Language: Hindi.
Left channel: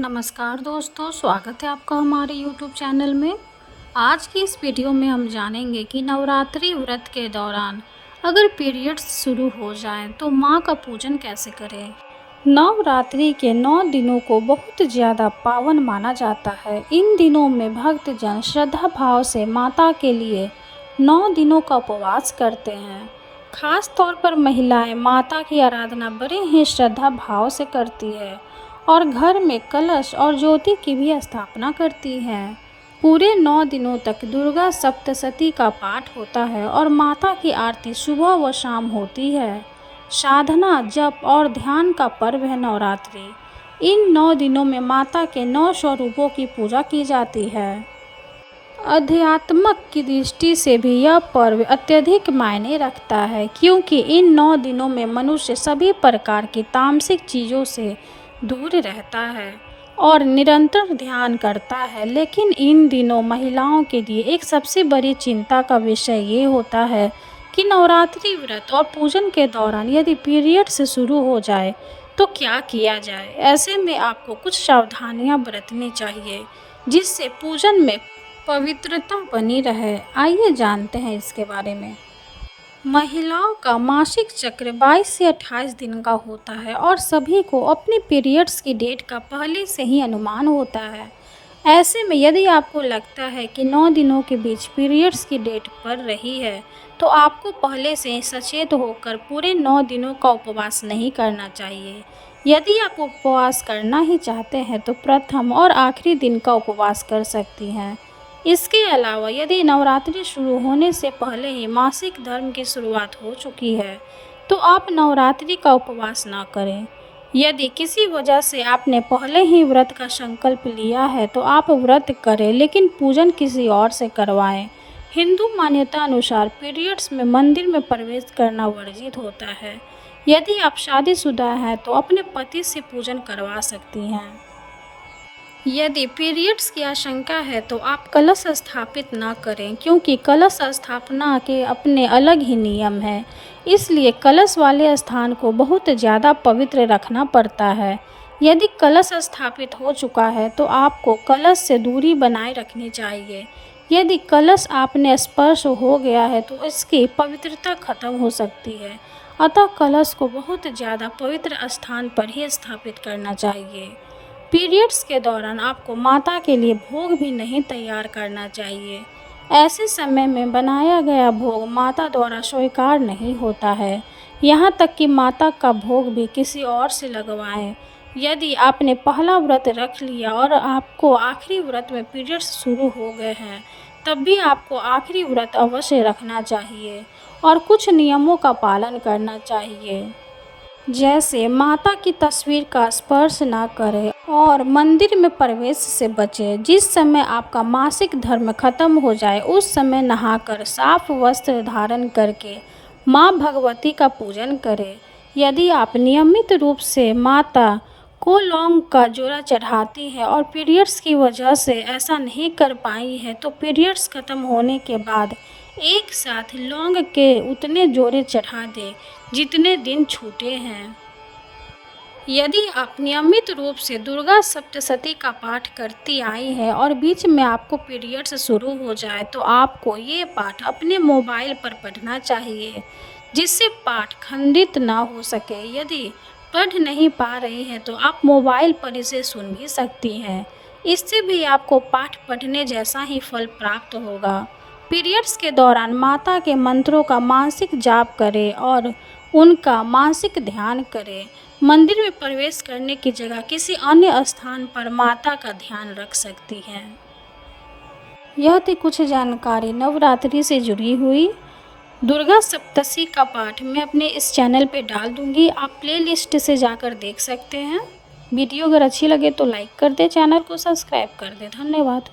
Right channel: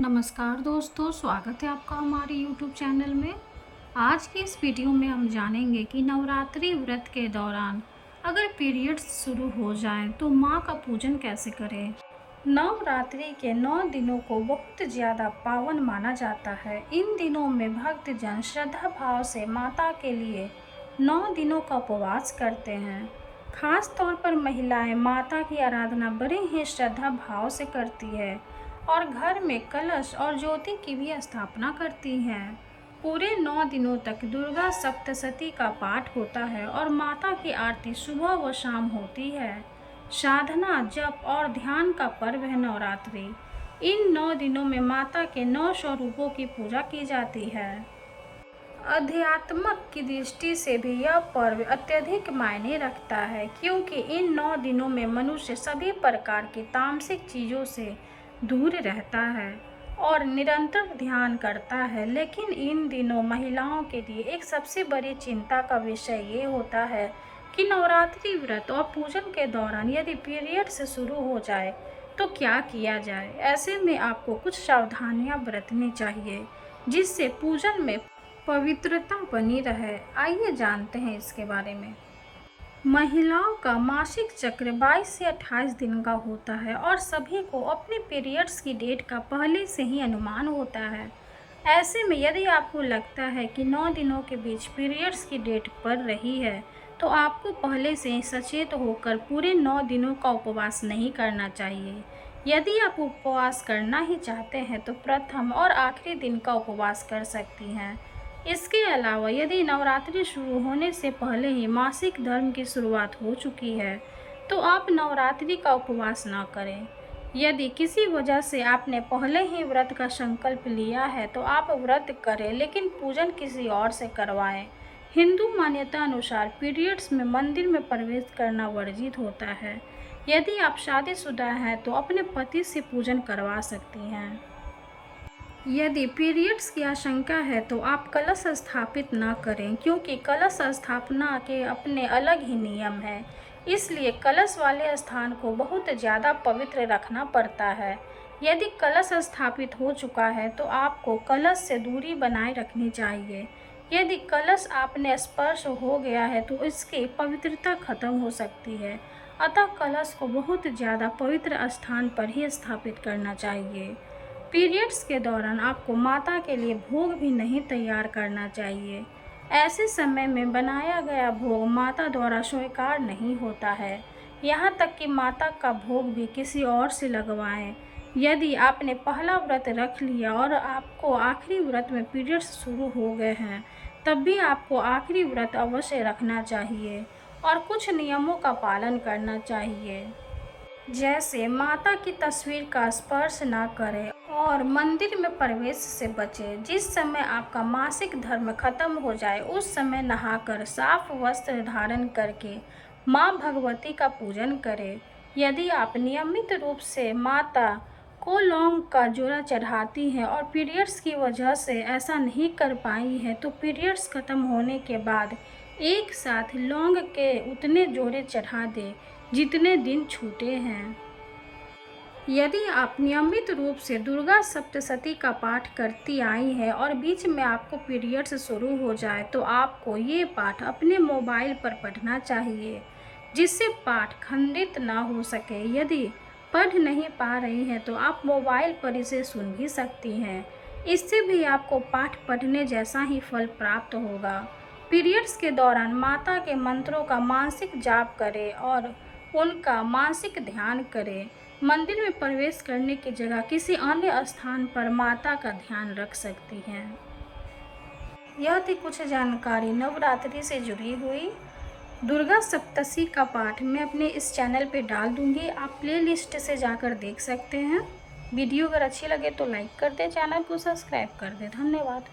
नमस्कार दोस्तों, स्वागत है आपका हमारे YouTube चैनल में। आज की इस वीडियो में हम जानेंगे कि नवरात्रि व्रत के दौरान अगर पीरियड्स शुरू हो जाएं तो माँ का पूजन कैसे करें। नवरात्रि के 9 दिनों को बहुत ज़्यादा पावन माना जाता है। इन दिनों में भक्तजन श्रद्धा भाव से माता के लिए 9 दिनों का उपवास करते हैं। खास तौर पर महिलाएं माता की आराधना बड़े ही श्रद्धा भाव से करती है और घर में कलश और ज्योति की भी स्थापना करती हैं। पूरे 9 दिनों तक दुर्गा सप्तशती का पाठ होता है और माता की आरती सुबह व शाम होती है। साधना, जप और ध्यान का पर्व है नवरात्रि। इन 9 दिनों में माता के 9 स्वरूपों की पूजा की जाती है। अध्यात्मक की दृष्टि से भी यह पर्व अत्यधिक मायने रखता है, क्योंकि इन 9 दिनों में मनुष्य सभी प्रकार की तामसिक चीज़ों से दूर रहता है और निरंतर ध्यान करता है। लेकिन इन दिनों महिलाओं के लिए एक सबसे बड़ी चिंता का विषय ये होता है कि नवरात्रि व्रत और पूजन के दौरान यदि पीरियड्स शुरू हो जाए तो क्या किया जाए। ऐसे में आपको कुछ सावधानियां बरतनी चाहिए जिससे पूजन में पवित्रता बनी रहे। आइए जानते हैं इसके बारे में। महिलाओं का मासिक चक्र 22 से 28 दिन का होता है और सभी को अपने पीरियड्स की डेट का पहले से ही अनुमान होता है। ऐसे में यदि आपको लगता है कि 9 दिनों के बीच पीरियड्स की डेट पड़ रही है तो आपको पहले से ही सचेत होकर पूरे 9 दिनों का उपवास नहीं करना चाहिए। यदि आप उपवास करना ही चाहते हैं तो प्रथम और आखिरी दिन का उपवास कर सकती हैं। इसके अलावा यदि नवरात्रि शुरू होने से पहले ही मासिक धर्म की शुरुआत हो चुकी है तो आप नवरात्रि का उपवास ना करें। यदि किसी वजह से आपने पहले ही व्रत का संकल्प लिया है तो आप व्रत करें, लेकिन पूजन किसी और से करवाएं। हिंदू मान्यता अनुसार पीरियड्स में मंदिर में प्रवेश करना वर्जित होता है। यदि आप शादीशुदा हैं तो अपने पति से पूजन करवा सकती हैं। यदि पीरियड्स की आशंका है तो आप कलश स्थापित ना करें, क्योंकि कलश स्थापना के अपने अलग ही नियम हैं। इसलिए कलश वाले स्थान को बहुत ज़्यादा पवित्र रखना पड़ता है। यदि कलश स्थापित हो चुका है तो आपको कलश से दूरी बनाए रखनी चाहिए। यदि कलश आपने स्पर्श हो गया है तो इसकी पवित्रता खत्म हो सकती है। अतः कलश को बहुत ज़्यादा पवित्र स्थान पर ही स्थापित करना चाहिए। पीरियड्स के दौरान आपको माता के लिए भोग भी नहीं तैयार करना चाहिए। ऐसे समय में बनाया गया भोग माता द्वारा स्वीकार नहीं होता है। यहाँ तक कि माता का भोग भी किसी और से लगवाएं। यदि आपने पहला व्रत रख लिया और आपको आखिरी व्रत में पीरियड्स शुरू हो गए हैं तब भी आपको आखिरी व्रत अवश्य रखना चाहिए और कुछ नियमों का पालन करना चाहिए, जैसे माता की तस्वीर का स्पर्श ना करें और मंदिर में प्रवेश से बचें। जिस समय आपका मासिक धर्म खत्म हो जाए उस समय नहाकर साफ वस्त्र धारण करके माँ भगवती का पूजन करें। यदि आप नियमित रूप से माता को लौंग का जोड़ा चढ़ाती है और पीरियड्स की वजह से ऐसा नहीं कर पाई है तो पीरियड्स खत्म होने के बाद एक साथ लौंग के उतने जोड़े चढ़ा दें जितने दिन छूटे हैं। यदि आप नियमित रूप से दुर्गा सप्तशती का पाठ करती आई हैं और बीच में आपको पीरियड्स शुरू हो जाए तो आपको ये पाठ अपने मोबाइल पर पढ़ना चाहिए, जिससे पाठ खंडित ना हो सके। यदि पढ़ नहीं पा रही हैं तो आप मोबाइल पर इसे सुन भी सकती हैं। इससे भी आपको पाठ पढ़ने जैसा ही फल प्राप्त होगा। पीरियड्स के दौरान माता के मंत्रों का मानसिक जाप करें और उनका मानसिक ध्यान करें। मंदिर में प्रवेश करने की जगह किसी अन्य स्थान पर माता का ध्यान रख सकती हैं। यह थी कुछ जानकारी नवरात्रि से जुड़ी हुई। दुर्गा सप्तशती का पाठ मैं अपने इस चैनल पे डाल दूंगी, आप प्लेलिस्ट से जाकर देख सकते हैं। वीडियो अगर अच्छी लगे तो लाइक कर दें, चैनल को सब्सक्राइब कर दें। धन्यवाद।